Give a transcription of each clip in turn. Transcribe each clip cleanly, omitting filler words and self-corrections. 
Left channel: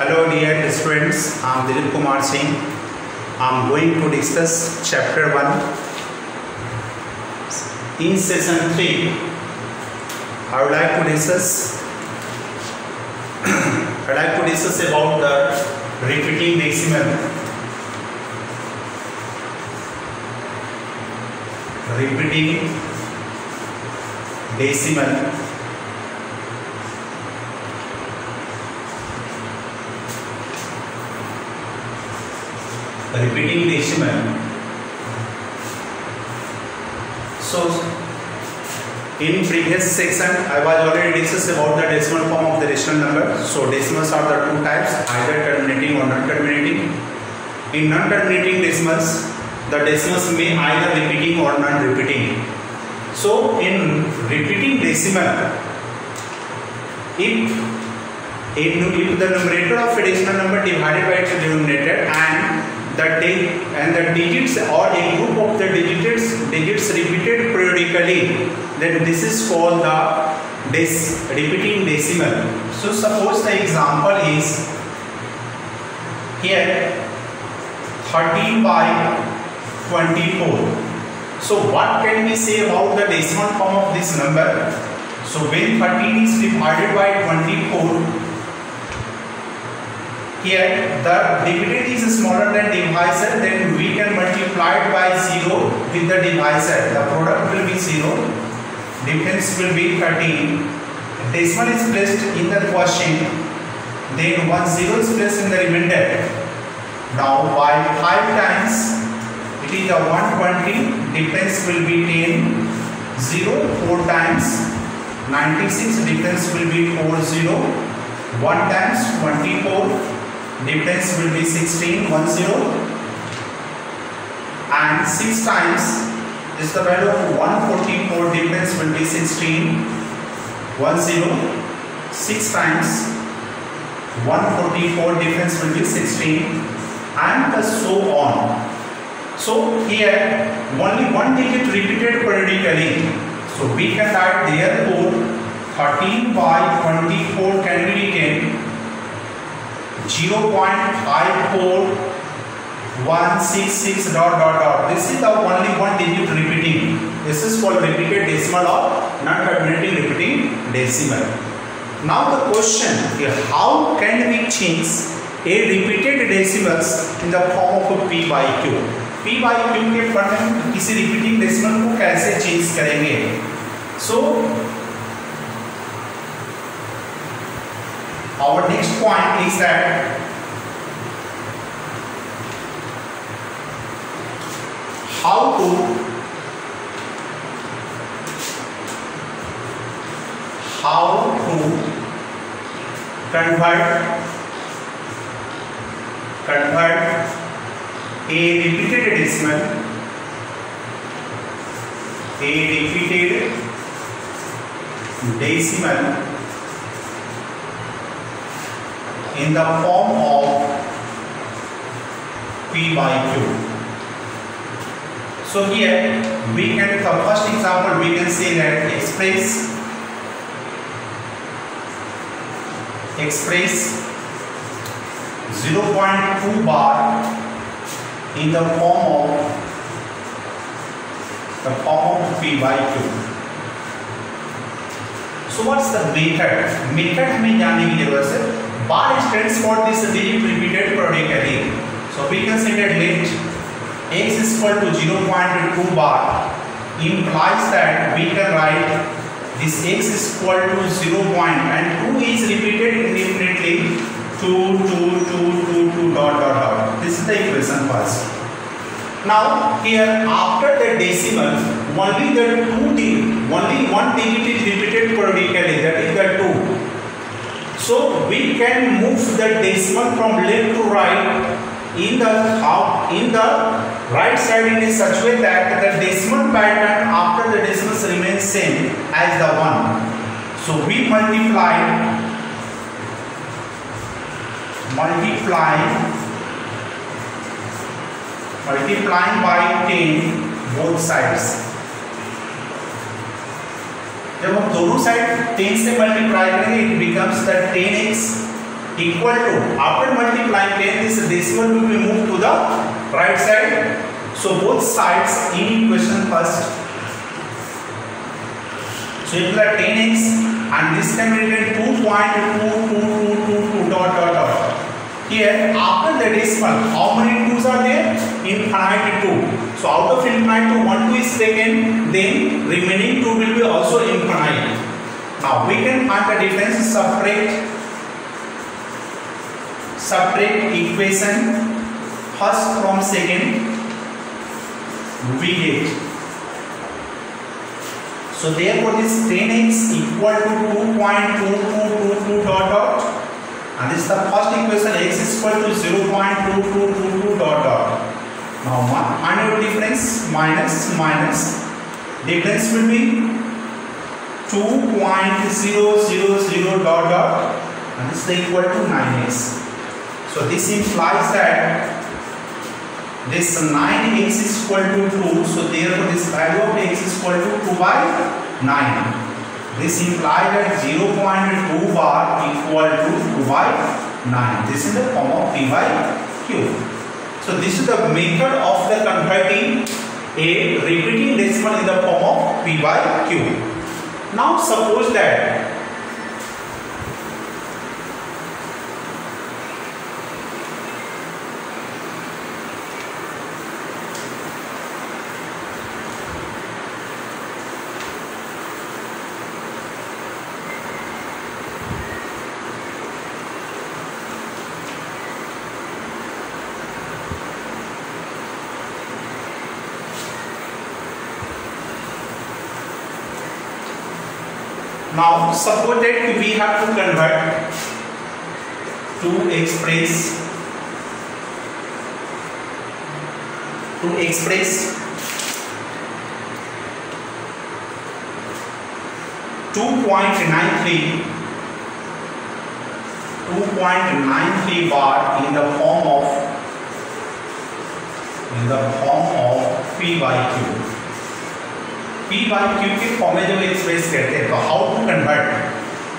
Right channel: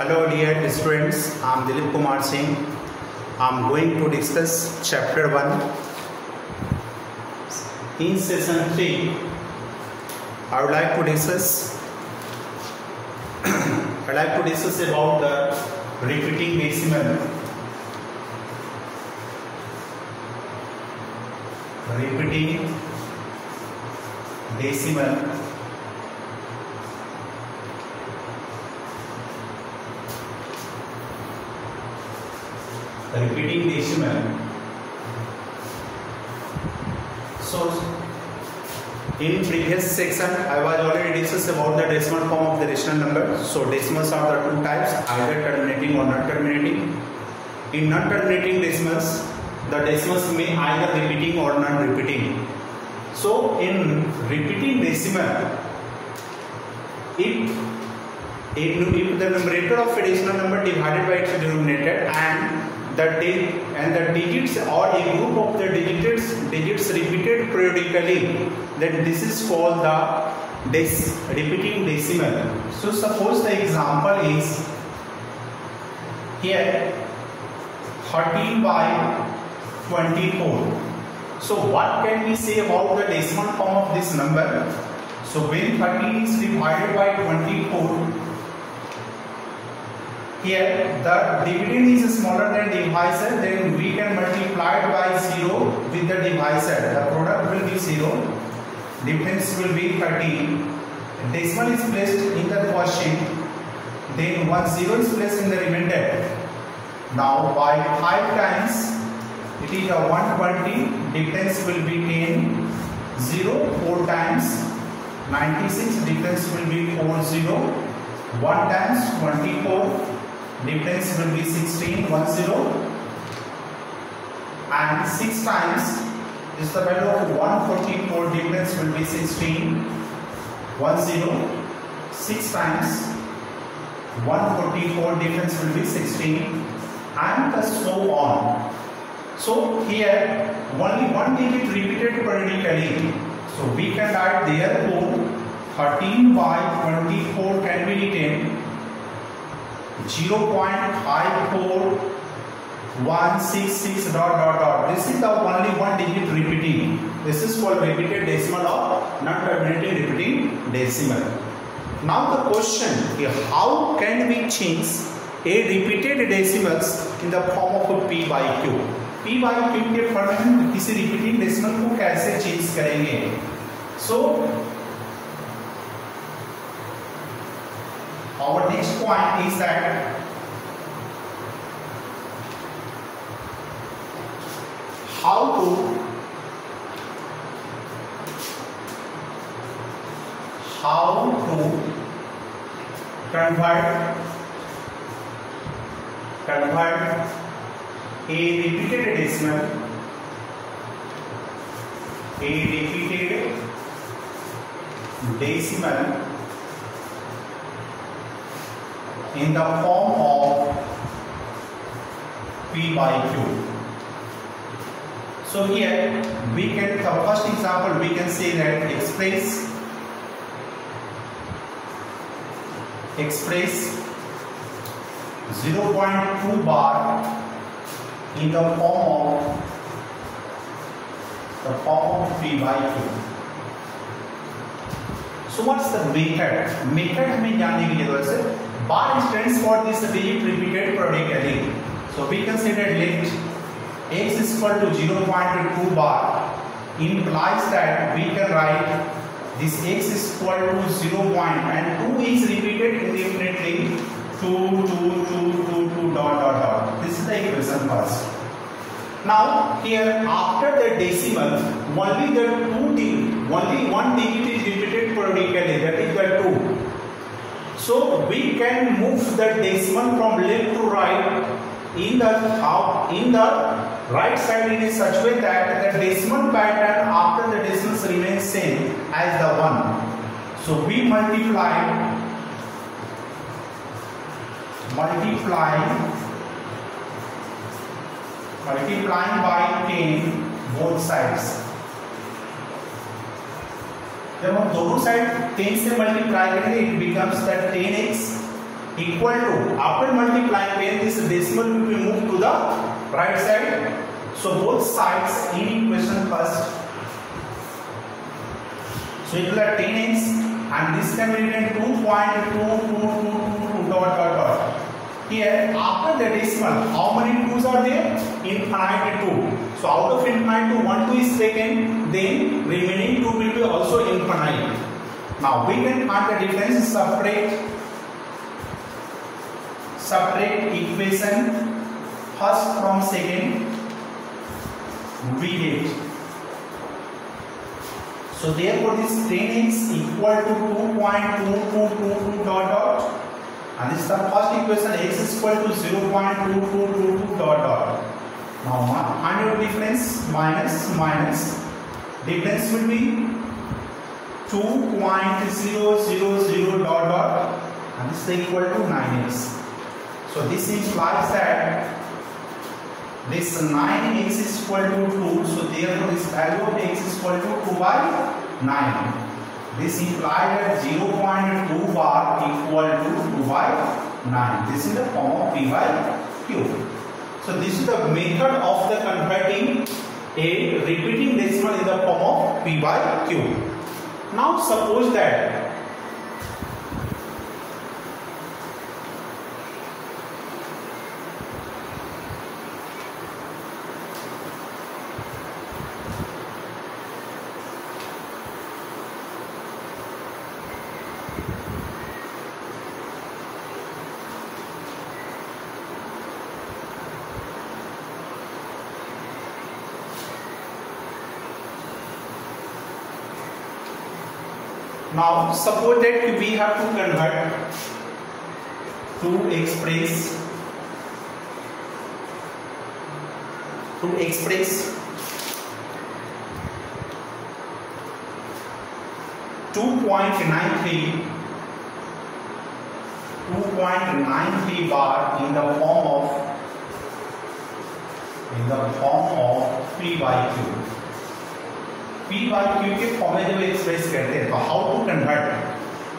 Hello dear students, I am Dilip Kumar Singh. I am going to discuss chapter 1. In session 3, I would like to discuss about the repeating decimal. Repeating decimal. Repeating decimal. So in previous section I was already discussed about the decimal form of the rational number. So decimals are the two types, either terminating or non-terminating. In non-terminating decimals, the decimals may either repeating or non-repeating. So in repeating decimal, if the numerator of a rational number divided by its denominator and the digits or a group of the digits repeated periodically, then this is called the repeating decimal. So suppose the example is here 13 by 24. So what can we say about the decimal form of this number? So when 13 is divided by 24, here the dividend is smaller than divisor, then we can multiply it by 0 with the divisor. The product will be 0. Difference will be 13. Decimal is placed in the quotient. Then 1 0 is placed in the remainder. Now by 5 times it is a 120. Difference will be 10. 0. 4 times 96. Difference will be 40. 1 times 24. Difference will be 16, 10, and 6 times is the value of 144. Difference will be 16, 10. 6 times 144. Difference will be 16, and so on. So here only one digit repeated periodically. So we can write therefore 13 by 24 can be written 0.54166 ... This is the only one digit repeating. This is called repeated decimal or non-terminating repeating decimal. Now the question is, how can we change a repeated decimals in the form of a p by q? p by q के form में हम किसी repeating decimal को कैसे change करेंगे? So our next point is that how to convert a repeated decimal in the form of p by q. So here we can, the first example we can say that express 0.2 bar in the form of p by q. So what's the method? Method हमें जानने की जरूरत है. Bar stands for this digit repeated periodically. So we can say that let x is equal to 0.2 bar implies that we can write this x is equal to 0. And 2 is repeated indefinitely. 2. This is the equation first. Now here after the decimal only one digit is repeated periodically, that is the 2. So we can move the decimal from left to right in the right side in such way that the decimal pattern after the decimals remains same as the 1. So we multiplying by 10 both sides. जब हम दोनों side 10 से multiply करेंगे, it becomes that 10x equal to, after multiplying 10 this decimal will be moved to the right side. So both sides in equation first. So it will be 10x and this can be written 2.2222 dot dot dot. Here after the decimal how many 2's are there? Infinite 2. So out of infinite 2 1 2 is taken, then remaining 2 will be also infinite. Now we can find the difference. Separate equation first from second. We get, so therefore this 10x equal to 2.2222 dot dot, and this is the first equation. X is equal to 0.2222 dot dot. Now find out difference. Minus difference will be 2.000 dot dot, and this is equal to 9x. So this implies that this 9x is equal to 2. So therefore this value of x is equal to 2 by 9. This implies that 0.2 bar equal to 2 by 9. This is the form of p by q. So this is the method of the converting a repeating decimal in the form of p by q. Now suppose that suppose that we have to convert to express 2.93 bar in the form of p by q. p by q के form में जब express करते हैं तो how to convert.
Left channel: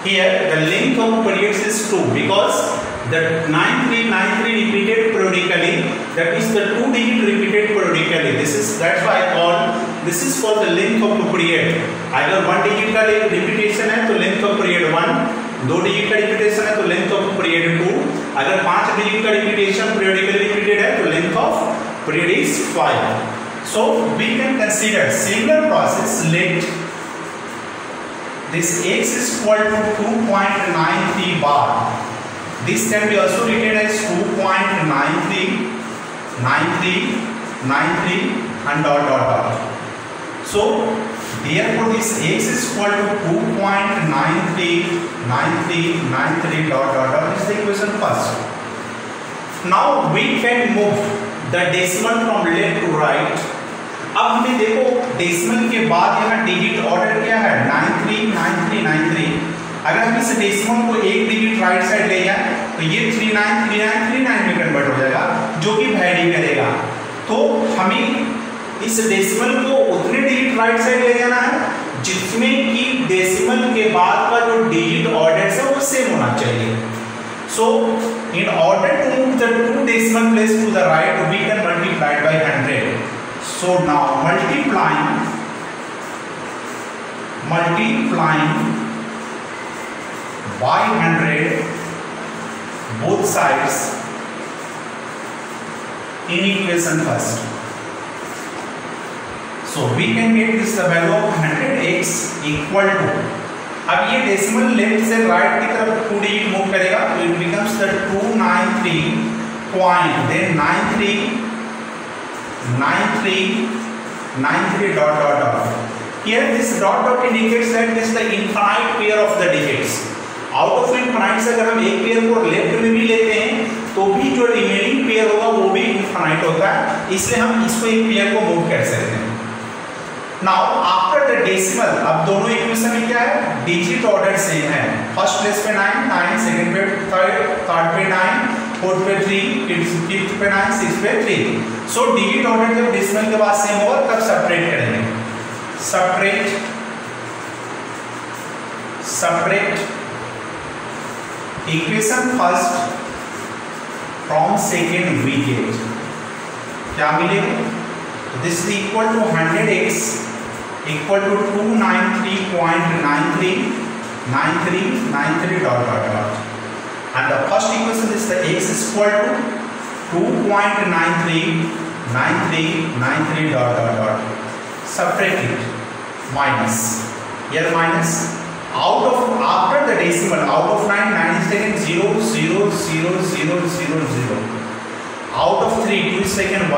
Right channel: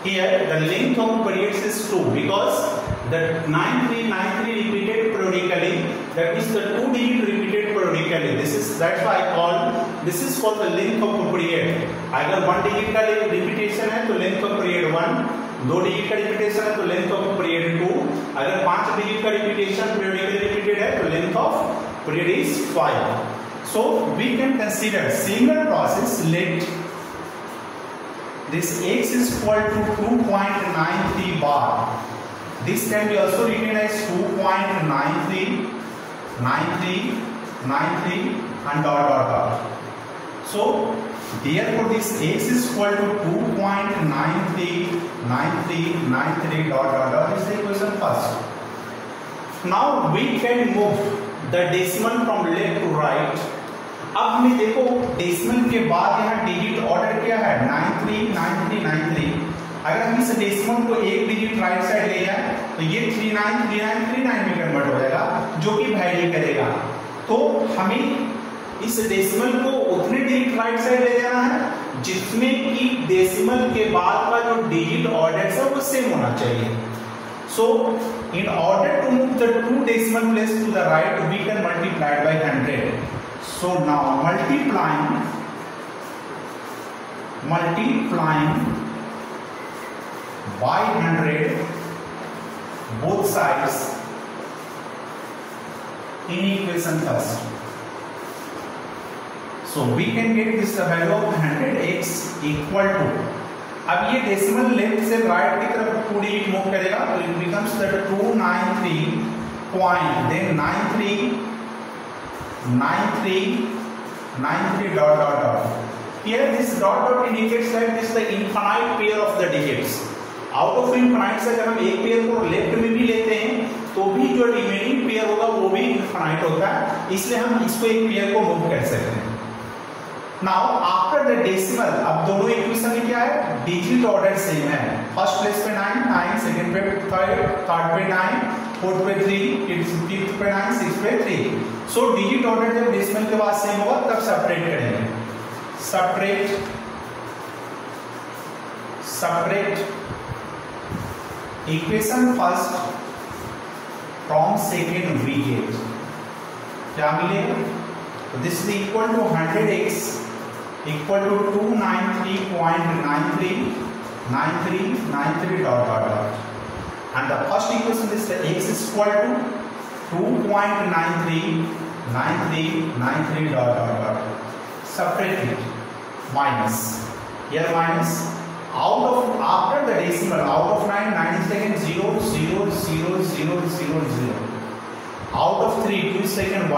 Here the length of periods is 2 because the 9393 repeated periodically, that is the 2 digit repeated periodically. That's why I call this is for the length of period. अगर 1 digit का repetition है तो length of period 1, 2 digit का repetition है तो length of period 2, अगर 5 digit का repetition periodically repeated है तो length of period is 5. So we can consider similar process. Let this x is equal to 2.93 bar. This can be also written as 2.93 and dot dot dot. So therefore this x is equal to 2.93 dot dot dot. This is the equation first. Now we can move the decimal from left to right. अब हमें देखो decimal के बाद यहाँ digit order क्या है 939393. अगर हम इस डेसिमल को एक डिजिट राइट साइड ले जाए तो ये 393939 में कन्वर्ट हो जाएगा, जो कि वैरी करेगा. तो हमें इस डेसिमल को उतने डिजिट राइट साइड ले जाना है जिसमें कि डेसिमल के बाद का जो डिजिट ऑर्डर है वो सेम होना चाहिए. So in order to move the 2 decimal place to the right, we can multiply it by 100. So now multiplying by 100 both sides in equation first. So we can get this the value of 100x equal to, अब ये decimal left से right की तरफ 2 digit move करेगा तो it becomes the 293.9393 dot dot dot. Here this dot dot indicates that this is the infinite pair of the digits. Out of infinite से अगर हम एक पेयर को लेफ्ट में भी लेते हैं तो भी जो रिमेनिंग पेयर होगा वो भी इनफाइनाइट होता है, इसलिए हम इसको एक पेयर को मूव कर सकते हैं. नाउ आफ्टर द डेसिमल, अब दोनों इक्वेशन में क्या है, डिजिट ऑर्डर सेम है. फर्स्ट प्लेस पे 9, सेकंड पे 3, थर्ड पे 9, फोर्थ पे 3, फिफ्थ पे 9, सिक्स्थ पे 3. सो डिजिट ऑर्डर जब डेसिमल के बाद सेम होगा तब सेपरेट करेंगे. Separate equation first from second we get क्या मिलेगा, this is equal to 100x equal to 293.9393 dot dot dot, and the first equation is the x is equal to 2.939393 dot dot dot. Subtract it, minus, here minus, out of after the decimal, out of 9 is taken 0 0 0 0 0 0, out of 3 2 is taken 1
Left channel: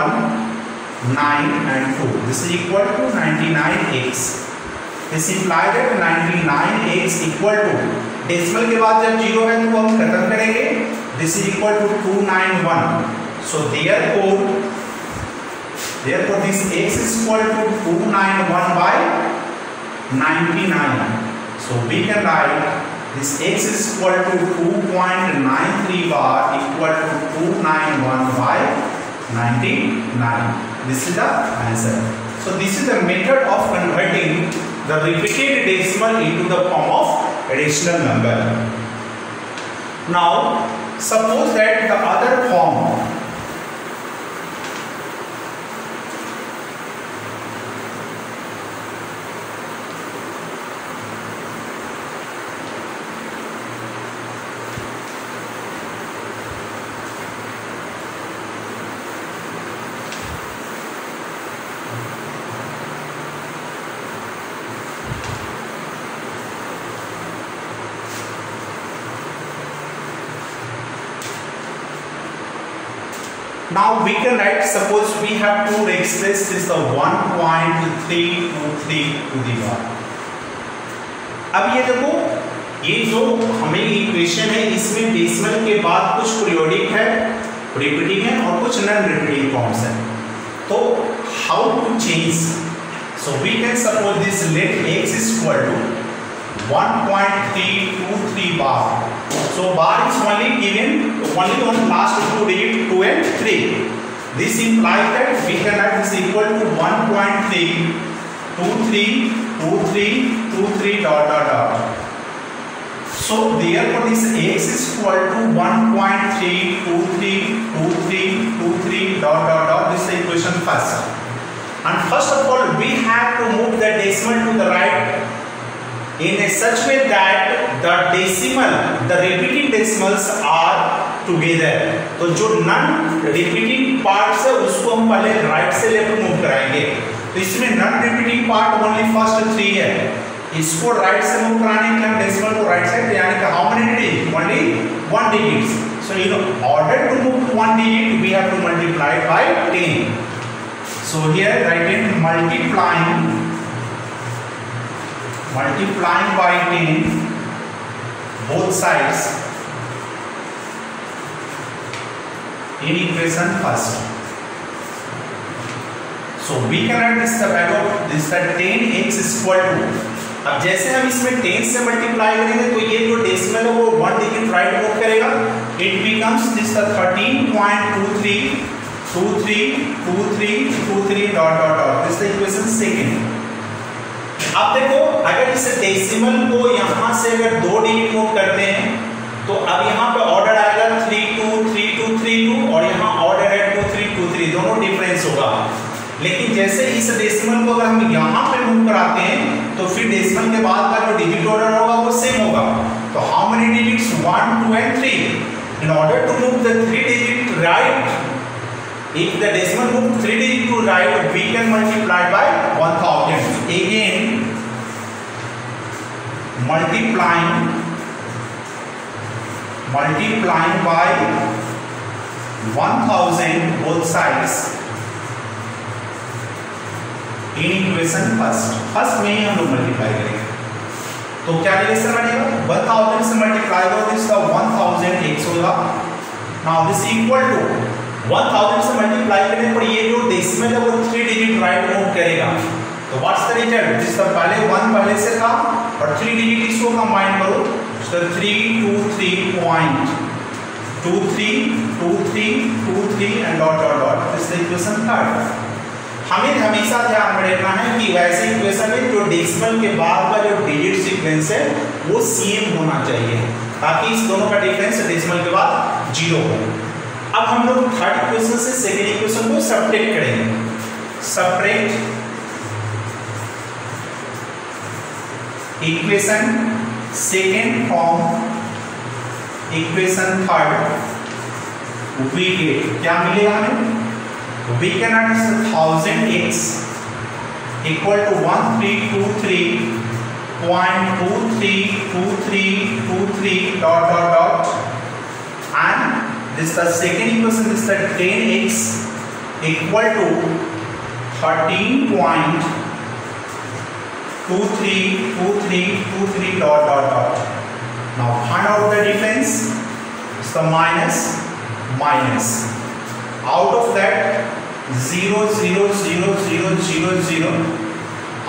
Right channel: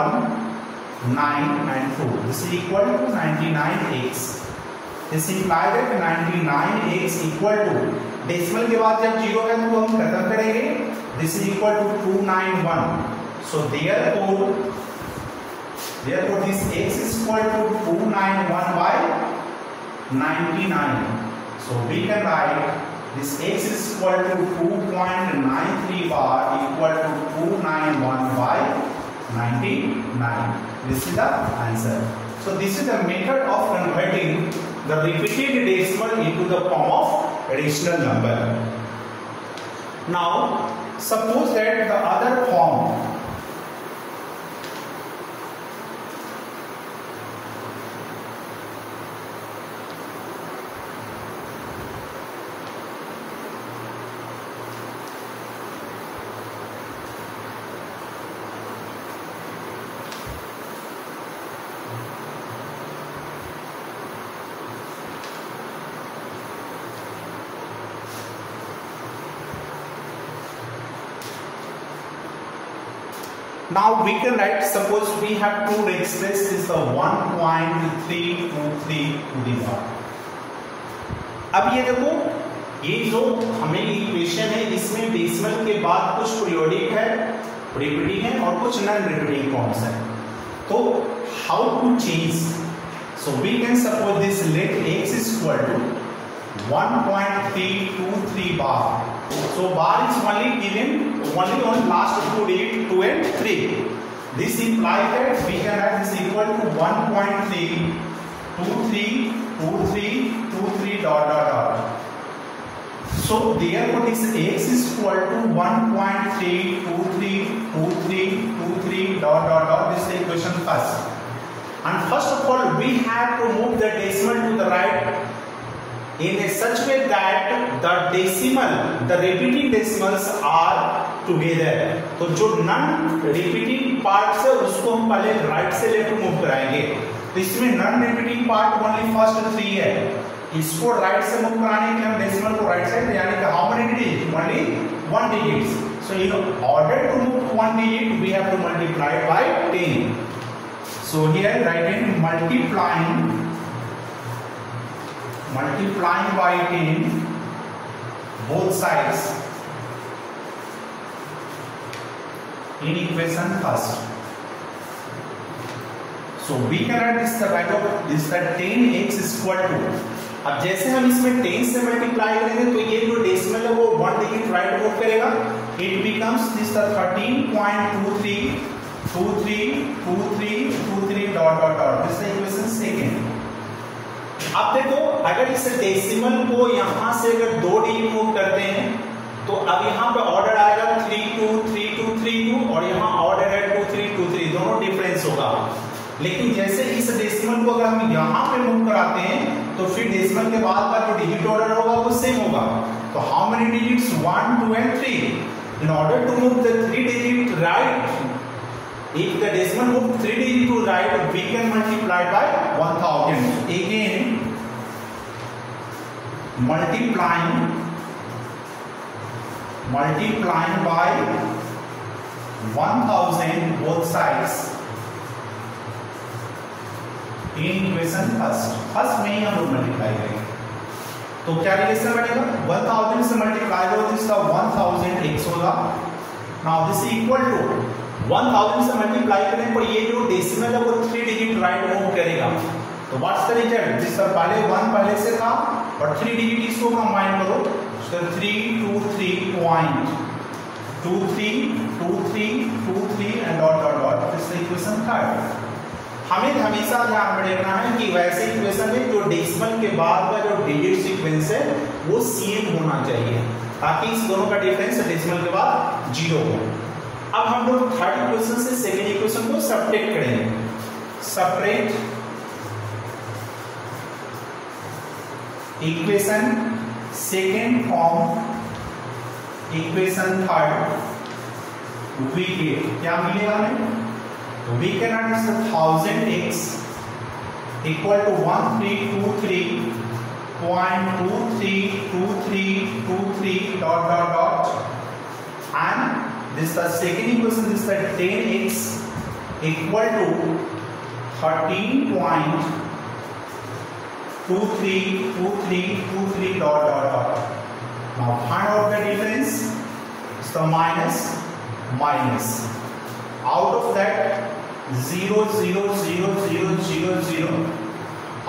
9 and 2, this is equal to 99x. This implies that 99x equal to decimal के बाद जब 0 है तो हम खत्म करेंगे, this is equal to 291. So therefore this x is equal to 291 by 99. So we can write this x is equal to 2.93 bar equal to 291 by 99. This is the answer. So this is the method of converting the repeated decimal into the form of rational number. Now suppose that the other form, now we can write, suppose we have to express this the 1.323 to the bar. अब ये देखो, ये जो हमें equation है इसमें decimal के बाद कुछ पीरियोडिक है, रिपीटिंग है और कुछ नॉन रिपीटिंग फॉर्म्स है. तो how to change, so we can suppose this let x is equal to 1.323 bar. So bar is only given only on last two digit 2 and 3. This implies that we can write this equal to 1.3232323 dot dot dot. So therefore this x is equal to 1.3232323 dot dot dot. This is the equation first. And first of all we have to move the decimal to the right in a such way that the decimal, the repeating decimals are together. तो जो non repeating parts है उसको हम पहले right से left move कराएंगे. तो इसमें non repeating part only first 3 है, इसको राइट से मूव कराने के लिए हम डेसिमल को राइट साइड, यानी कि how many digit, only 1 digits. So in order to move to 1 digit we have to multiply it by 10. So here write in multiplying by 10 both sides in equation first. So we can write this the value of this that 10x is equal to, अब जैसे हम इसमें 10 से multiply करेंगे तो ये जो decimal है वो 1 डिजिट राइट मूव करेगा, it becomes this the 13.232323 dot dot dot. This the equation second. अब देखो अगर इस डेसिमल को यहां से अगर 2 डिजिट मूव करते हैं तो अब यहां पे ऑर्डर आएगा 323232 और यहां ऑर्डर है 2323, दोनों डिफरेंस होगा. लेकिन जैसे इस डेसिमल को अगर हम यहां पे मूव कराते हैं तो फिर डेसिमल के बाद का जो डिजिट ऑर्डर होगा वो सेम होगा. तो how many digits, 1 2 and 3. In order to move the 3 digit right, if the decimal move 3 digit to right we can multiply by 1000. Again multiplying by 1000 both sides in equation first में ही हम लोग multiply करेंगे. तो क्या relation बनेगा, 1000 से multiply करो this का 1000x होगा. नाउ दिस इक्वल टू 1000 से मल्टीप्लाई करने पर ये जो डेसिमल है वो 3 डिजिट राइट मूव करेगा. तो व्हाट्स द रिजल्ट, जिस का पहले 1 पहले से था और 3 डिजिट इसको कंबाइन करो, so 323.232323 and dot dot dot. This the equation third. हमें हमेशा ध्यान में रखना है कि वैसे इक्वेशन में जो डेसिमल के बाद का जो डिजिट सीक्वेंस है वो सेम होना चाहिए. ताकि इस दोनों का डिफरेंस डेसिमल के बाद 0 हो। अब हम लोग थर्ड इक्वेशन से सेकेंड इक्वेशन को सबट्रैक्ट करेंगे। Subtract equation second from equation third, we get क्या मिलेगा हमें, we can write 1000x equal to 1323.232323 dot dot dot, and this the second equation is that 10x equal to 13.232323 dot dot dot. Now find out the difference. It's the minus. Out of that 0 0 0 0 0 0.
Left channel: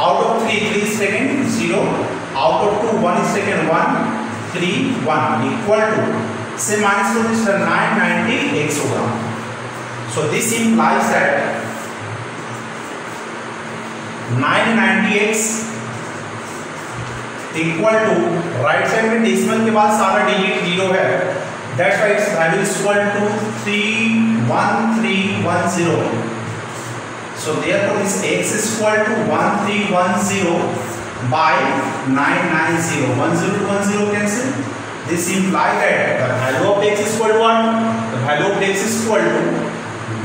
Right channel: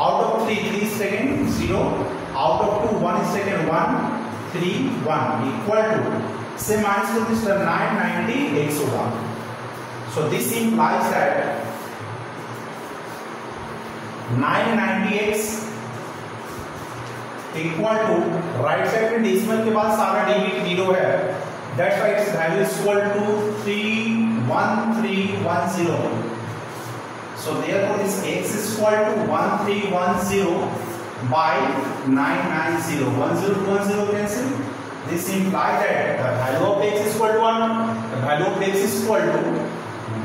Out of 3 is taken 0. Out of 2 1 is taken 1 3 1 equal to, say minus to this 990x होगा. So this implies that 990x equal to, right side में decimal के बाद सारा digit 0 है, that's why its value is equal to 31310. So therefore this x is equal to 1310 by 990. 10 to 10 cancel. This implies that the value of x is equal to what? The value of x is equal to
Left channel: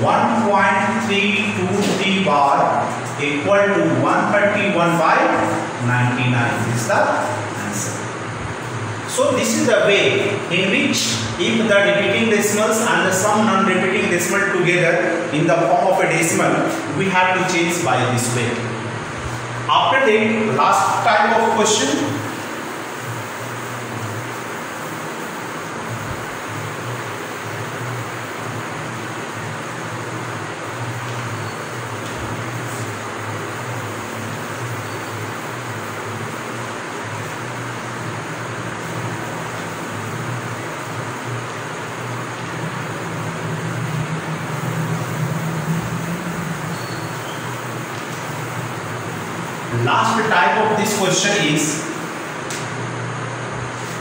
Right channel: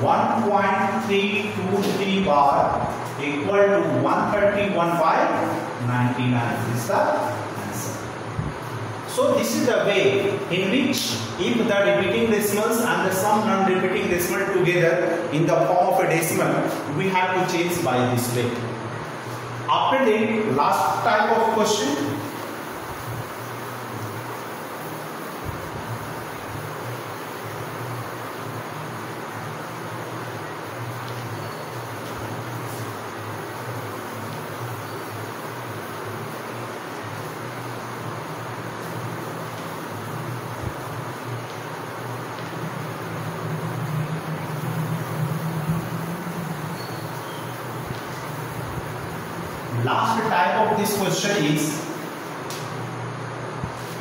1.323 bar equal to 131 by 99. This is the answer. So this is the way in which if the repeating decimals and the some non-repeating decimal together in the form of a decimal, we have to change by this way. After that, last type of question. Last type of this question is,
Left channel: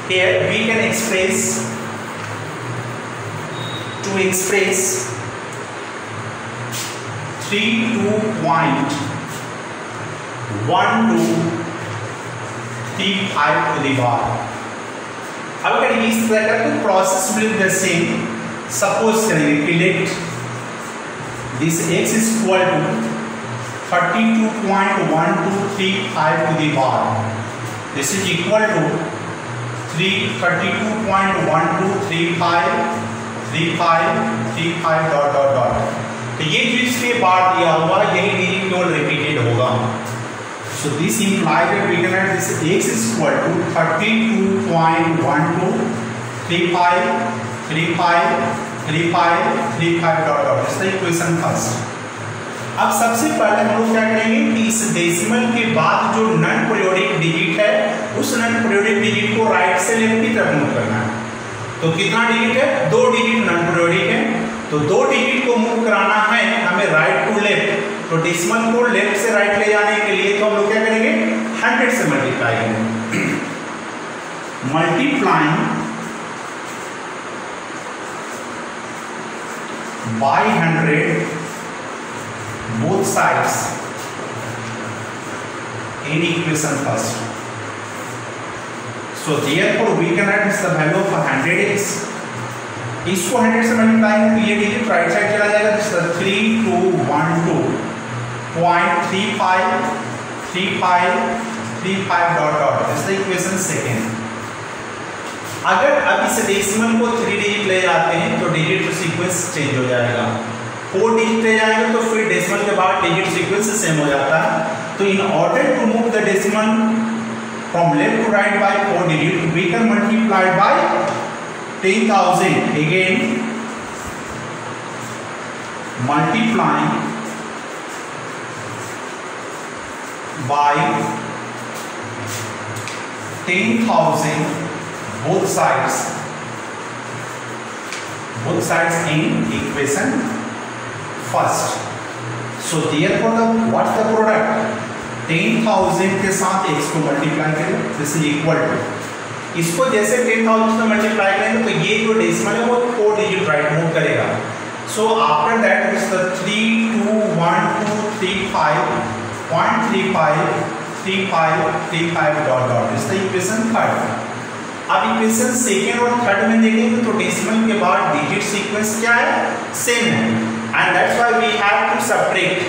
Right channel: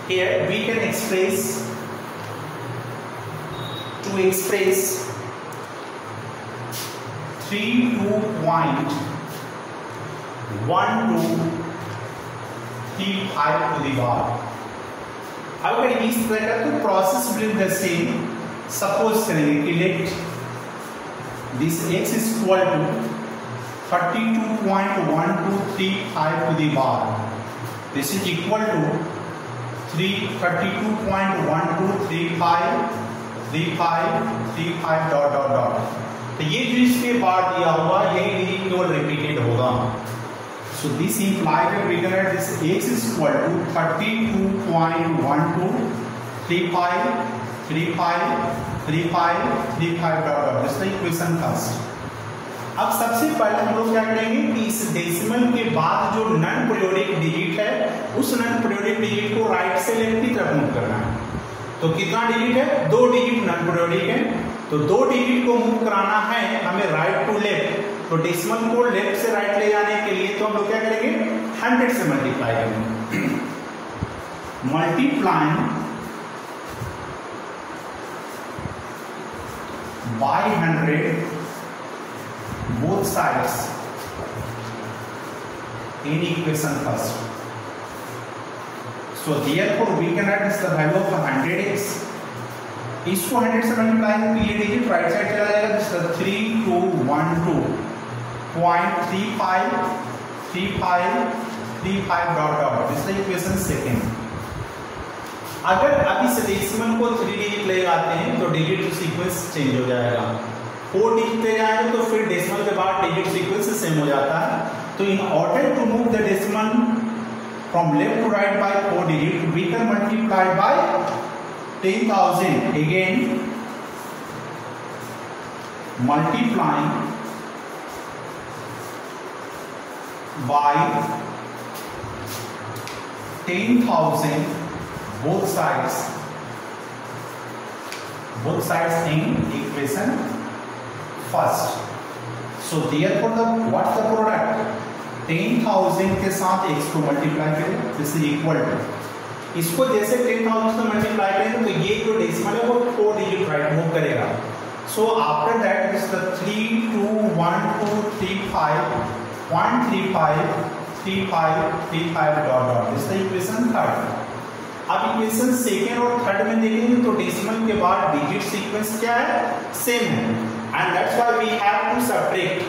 here we can express 32.1235 to the bar. अब अगर इस तरह का तो process will the same. Suppose करेंगे कि let this x is equal to 32.1235 to the bar. This is equal to 32.1235 dot dot dot. तो ये जो इसके बाद दिया हुआ यही नहीं केवल रिपीटेड होगा. So this implies that we can write this x is equal to 32.1235 dot dot. This is the equation first. अब सबसे पहले हम लोग क्या करेंगे कि इस डेसिमल के बाद जो नॉन पीरियोडिक डिजिट है उस नॉन पीरियोडिक डिजिट को राइट से लेफ्ट की तरफ मूव करना है. तो कितना डिजिट है, 2 डिजिट नॉन पीरियोडिक है, तो 2 डिजिट को मूव कराना है हमें राइट टू लेफ्ट. तो डेसिमल को लेफ्ट से राइट ले जाने के लिए तो हम लोग क्या करेंगे, 100 से मल्टीप्लाई करेंगे. Multiplying by 100 both sides in equation first. So therefore we can write the value of 100x. इसको 100 से मल्टीप्लाई करें तो ये डिजिट राइट साइड चला जाएगा. This 3212.35 dot dot. This the equation second. अगर अब इस डेसिमल को 3 डिजिट ले जाते हैं तो डिजिट सीक्वेंस चेंज हो जाएगा. 4 डिजिट ले जाएंगे तो फिर डेसिमल के बाद डिजिट सीक्वेंस सेम हो जाता है. तो in order to move the decimal from left to right by 4 digit we can multiply by 10,000 again multiplying by 10,000 both sides in equation first. So therefore what's the product? 10,000 के साथ x को multiply करें. This is equal to, इसको जैसे 10,000 से the 3, 2, 1, 2, 3, 5, 0.35, 35, 35 dot dot. This is the equation third. अब equation second और third में देखेंगे तो डेसिमल के बाद डिजिट सीक्वेंस क्या है, सेम है, and that's why we have to subtract.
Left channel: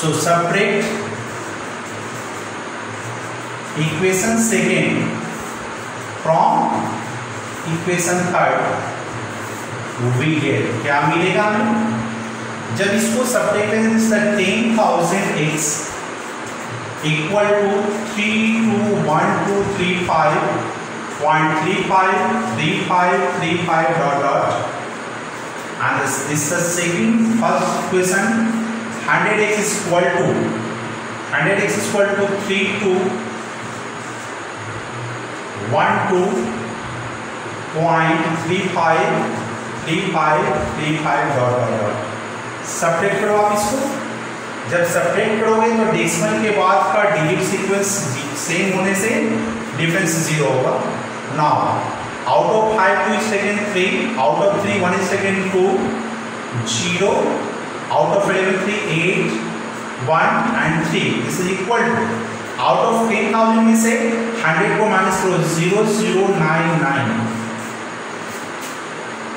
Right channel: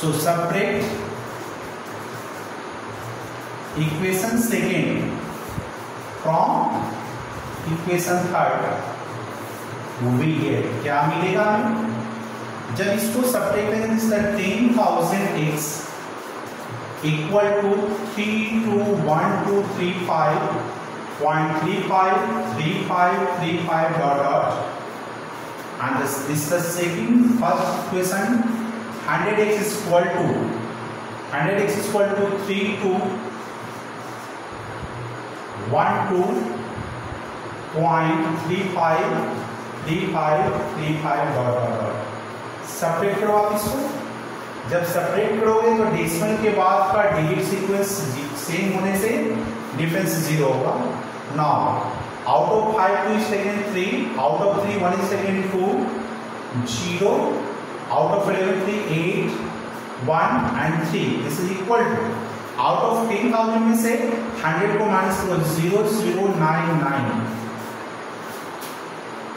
So subtract equation second from equation third, we get क्या मिलेगा हमें. जब इसको सबट्रैक्ट करेंगे तो 10,000x equal to 321,235 0.35, 35, 35 dot dot, and this is the second first equation. 100x is equal to 3212.35, 35, 35 dot dot dot. Subtract करो आप इसको. जब सबट्रैक्ट करोगे तो डेसिमल के बाद का डिजिट सीक्वेंस सेम होने से डिफरेंस 0 होगा. Now, out of 5 2 is taken 3, out of 3 1 is taken 2, 0, out of 11 3 8, 1 and 3. This is equal to, out of 10,000 में से 100 को माइनस करो, 0099.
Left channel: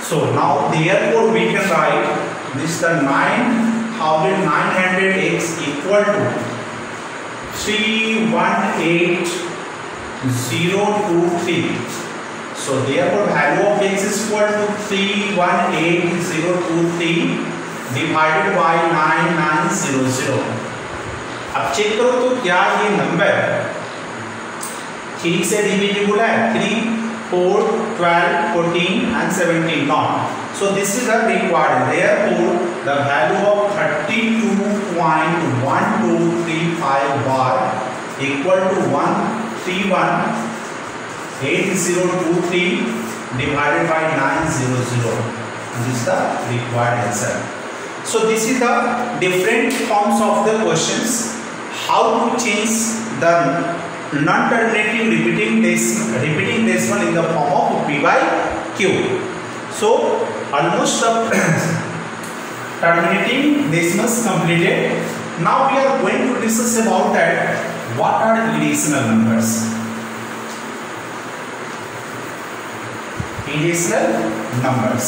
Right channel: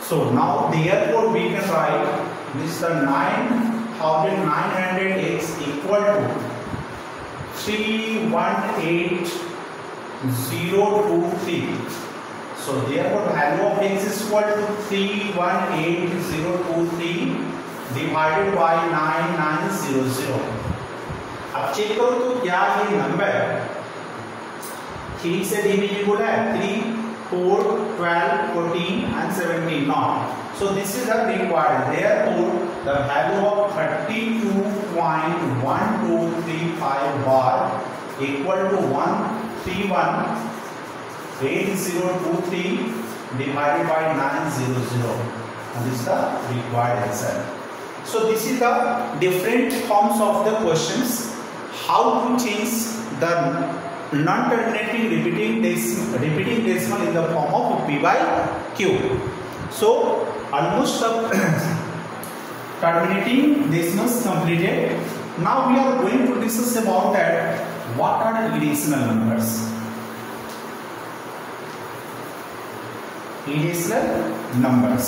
So now therefore we can write this the 9,900x equal to 318,023. So therefore value of x is equal to 318,023 divided by 9900. अब check करो तो क्या ये number 3 से डिविजिबल है. 3, 4, 12, 14 and 17 not. So this is the required. Therefore the value of 32.1235 bar equal to 131,8023 divided by 900, and this is the required answer. So this is the different forms of the questions. How to change the non-terminating repeating decimal in the form of P by Q. So almost the terminating decimals completed. Now we are going to discuss about that. What are irrational numbers? Irrational numbers.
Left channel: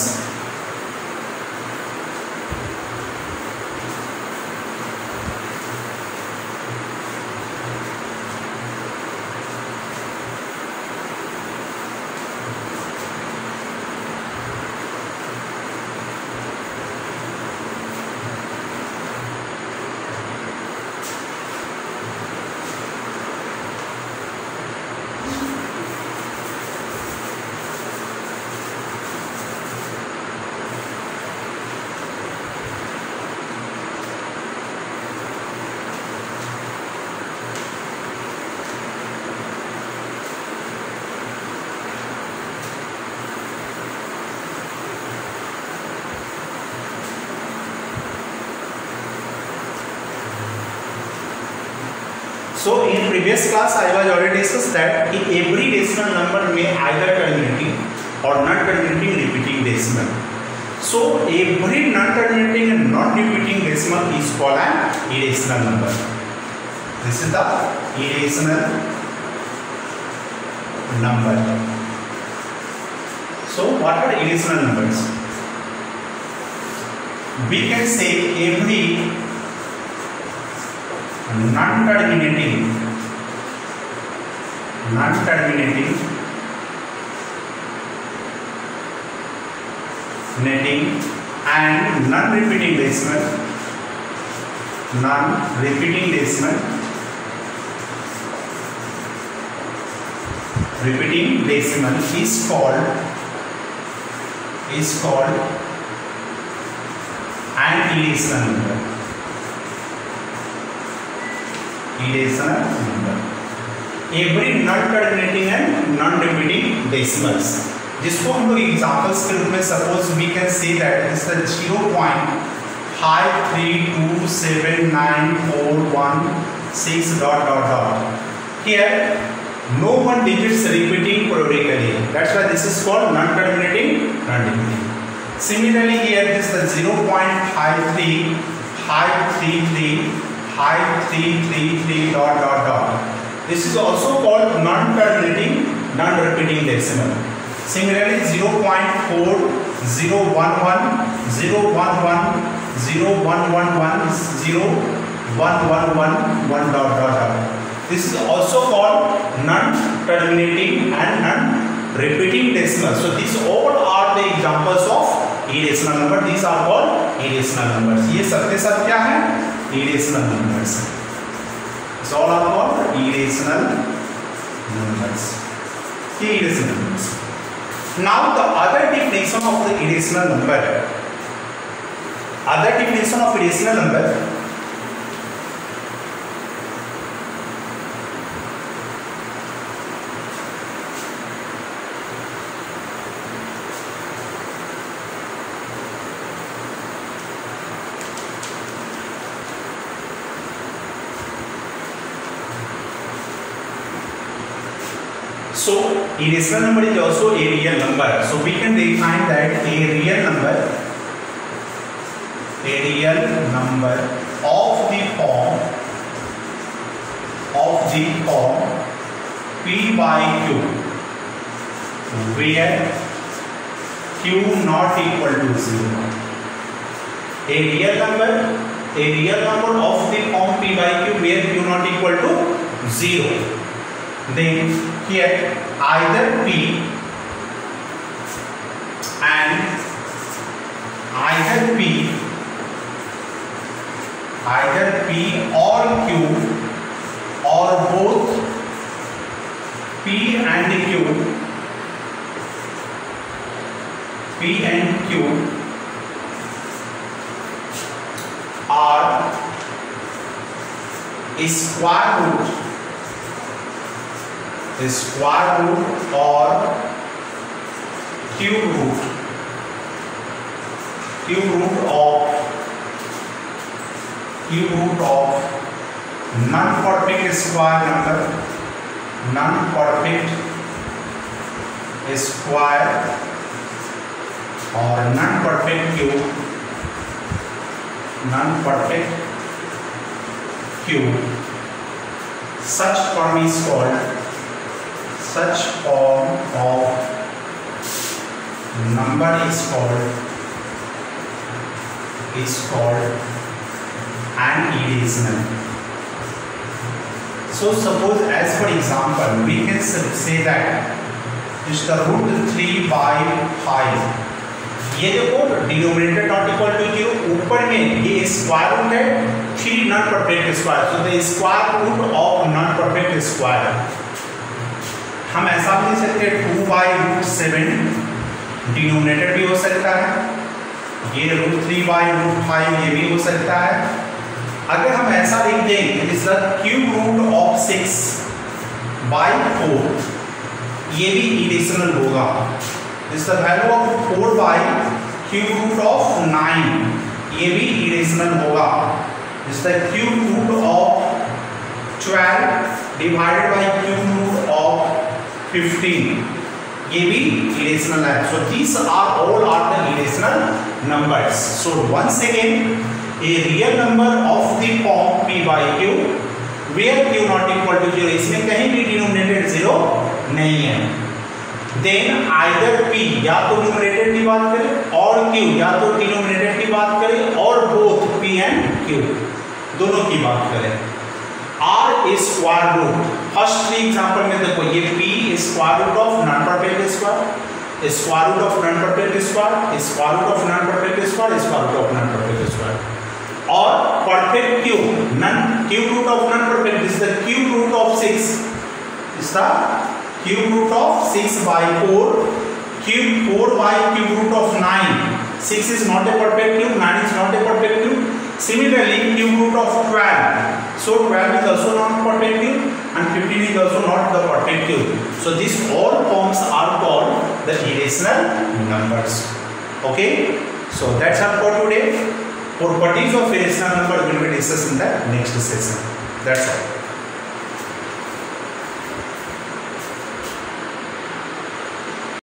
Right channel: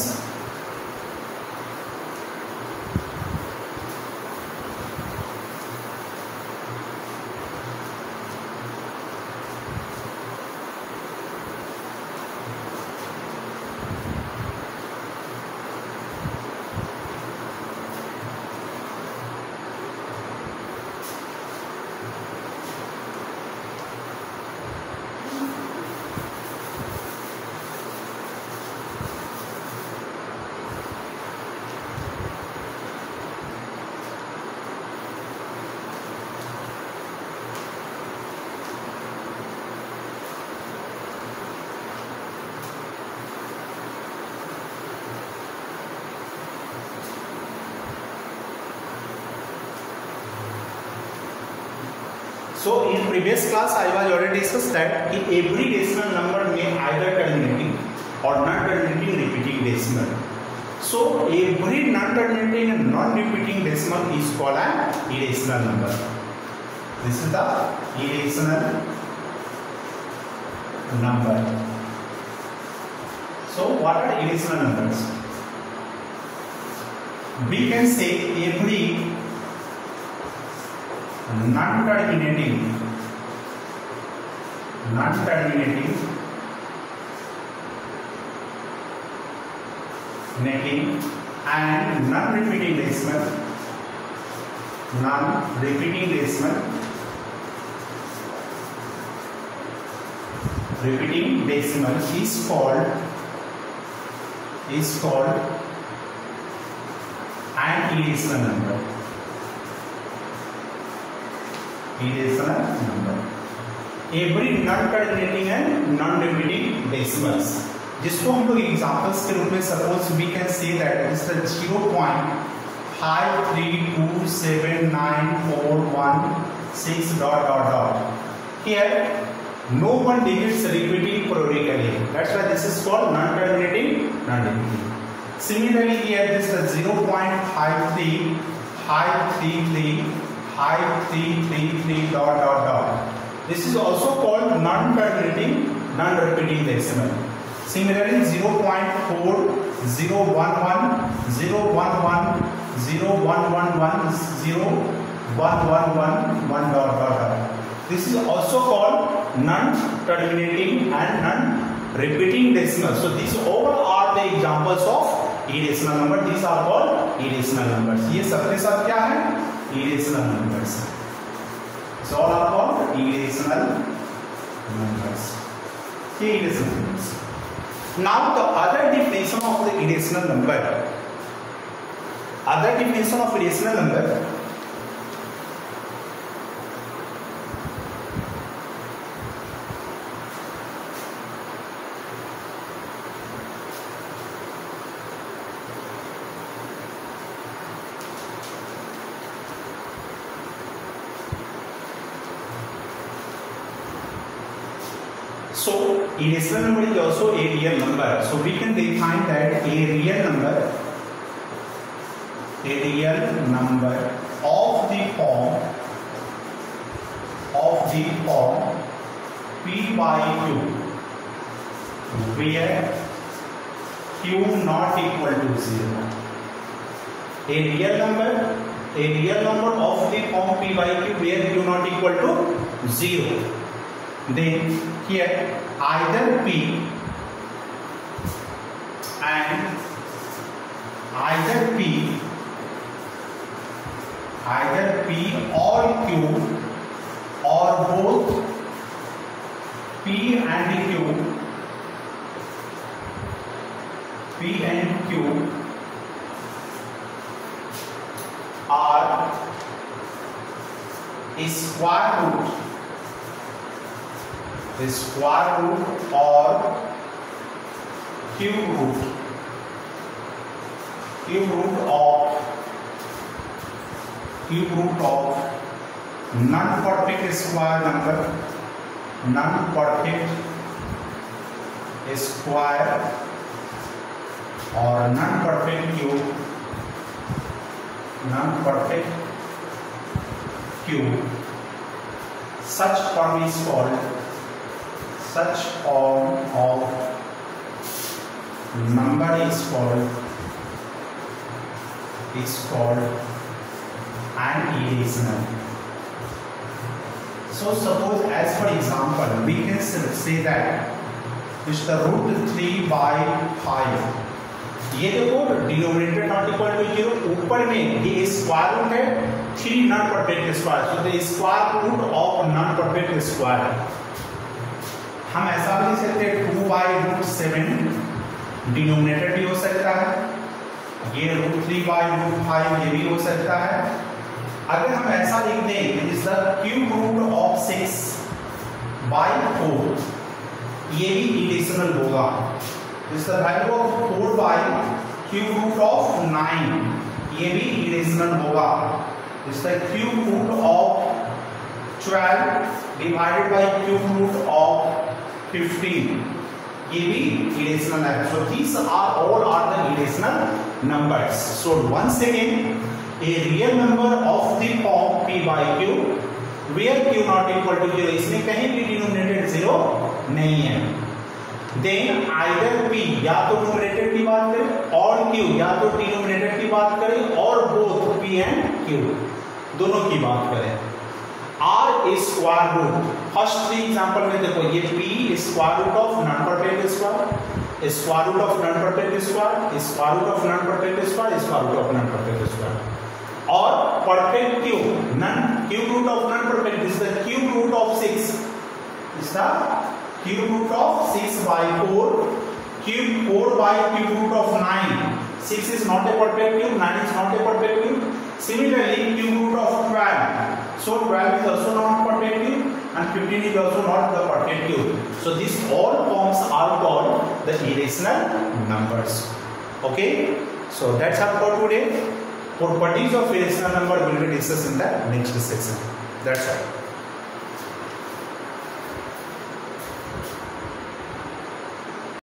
So in previous class I was already discussed that every decimal number may either terminating or non-terminating repeating decimal. So every non-terminating and non-repeating decimal is called an irrational number. This is the irrational number. So what are irrational numbers? We can say every non-terminating and non-repeating decimal repeating decimal is called an irrational number. Irrational number. Every non-terminating and non-repeating decimals, जिसको हम लोग examples के रूप में suppose we can say that is the 0.53279416 dot dot dot. Here no one digits repeating periodically. That's why this is called non-terminating non-repeating. Similarly, here this is the 0.53, 533 dot. This is also called non-terminating, non-repeating decimal. Similarly, 0.4, 0.11, 0.11, 0.111, 0.1111 dot. This is also called non-terminating and non-repeating decimal. So these all are the examples of irrational number. These are called irrational numbers. ये सबके सब क्या है? Irrational numbers. So all are called irrational numbers. Irrational numbers. Now the other definition of the irrational number. Other definition of irrational number. So irrational number is also a real number. So we can define that a real number of the form p by q, where q not equal to 0. A real number of the form p by q where q not equal to 0. Then here either p or q or both p and q are a square root or cube root of non-perfect square number, non-perfect square or non-perfect cube. Such form of number is called an irrational. So suppose as for example we can say that is the root 3 by 5. ये देखो denominator not equal to 0, ऊपर में ये square root है 3 non perfect square, so the square root of non perfect square. हम ऐसा भी लिख सकते हैं 2 by root 7 डिनोमिनेटर भी हो सकता है, ये root 3 by root 5 ये भी हो सकता है. अगर हम ऐसा लिख दें is the cube root of 6 by 4, ये भी इरेशनल होगा. This the value of 4 by cube root of 9, ये भी इरेशनल होगा. This the cube root of 12 divided by cube root of 15, ये भी irrational है. So these are all are the irrational numbers. So once again, a real number of the form p by q where q not equal to 0, इसमें कहीं भी denominator 0 नहीं है. Then either p या तो न्यूमरेटर की बात करें और q या तो डिनोमिनेटर की बात करें और both p and q दोनों की बात करें. R is square root. First 3 example में देखो ये p square root of non perfect square, square root of non perfect square, square root of non perfect square, square root of non perfect square. और perfect cube root of non perfect is the cube root of 6, is the cube root of 6 by 4, cube 4 by cube root of 9. 6 is not a perfect cube, 9 is not a perfect cube. Similarly, cube root of 12. So 12 is also not perfect cube and 15 is also not the perfect cube. So these all forms are called the irrational numbers. Okay? So that's all for today. Properties of irrational number will be discussed in the next session. That's all.